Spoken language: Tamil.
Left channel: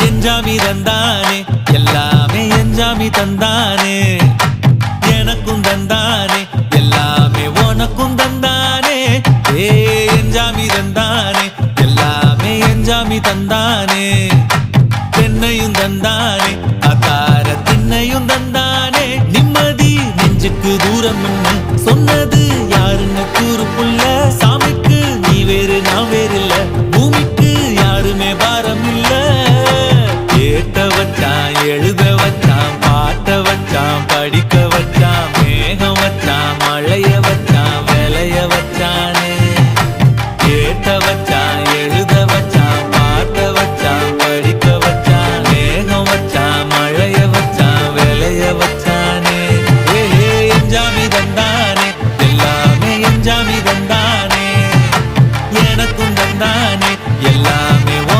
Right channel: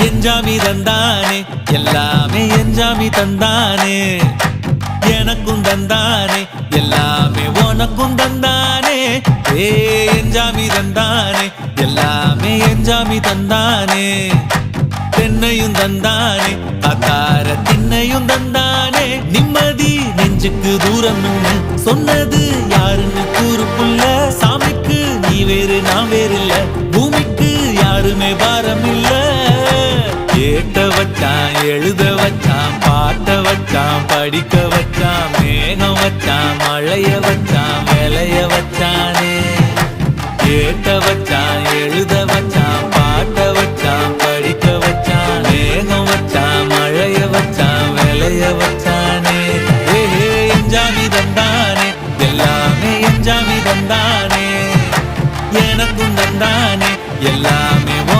எஞ்சாமி தந்தானே எல்லாமே எஞ்சாமி தந்தானே எனக்கும் தந்தானே எல்லாமே உனக்கும் தந்தானே ஏ எஞ்சாமி தந்தானே எல்லாமே எஞ்சாமி தந்தானே தென்னையும் தந்தானே அத்தார திண்ணையும் தந்தானே நிம்மதி நெஞ்சுக்கு தூரம் சொன்னது யாருன்னு கூறு புள்ள சாமிக்கு நீ வேறு நான் வேறு இல்ல பூமிக்கு யாருமே பாரம் இல்ல ஏத்த வச்சான் எழுத வச்சான் பாட்ட வச்சான் படிக்க வச்சான் மேகம் வச்சான் மழைய வச்சான் விளைய வச்சானே ஏத்த வச்சான் எழுத வச்சான் பாட்ட வச்சான் படிக்க வச்சான் மேகம் வச்சான் மழைய வச்சான் விளைய வச்சானே ஏஹே எஞ்சாமி தந்தானே எல்லாமே எஞ்சாமி தந்தானே எனக்கும் தந்தானே எல்லாமே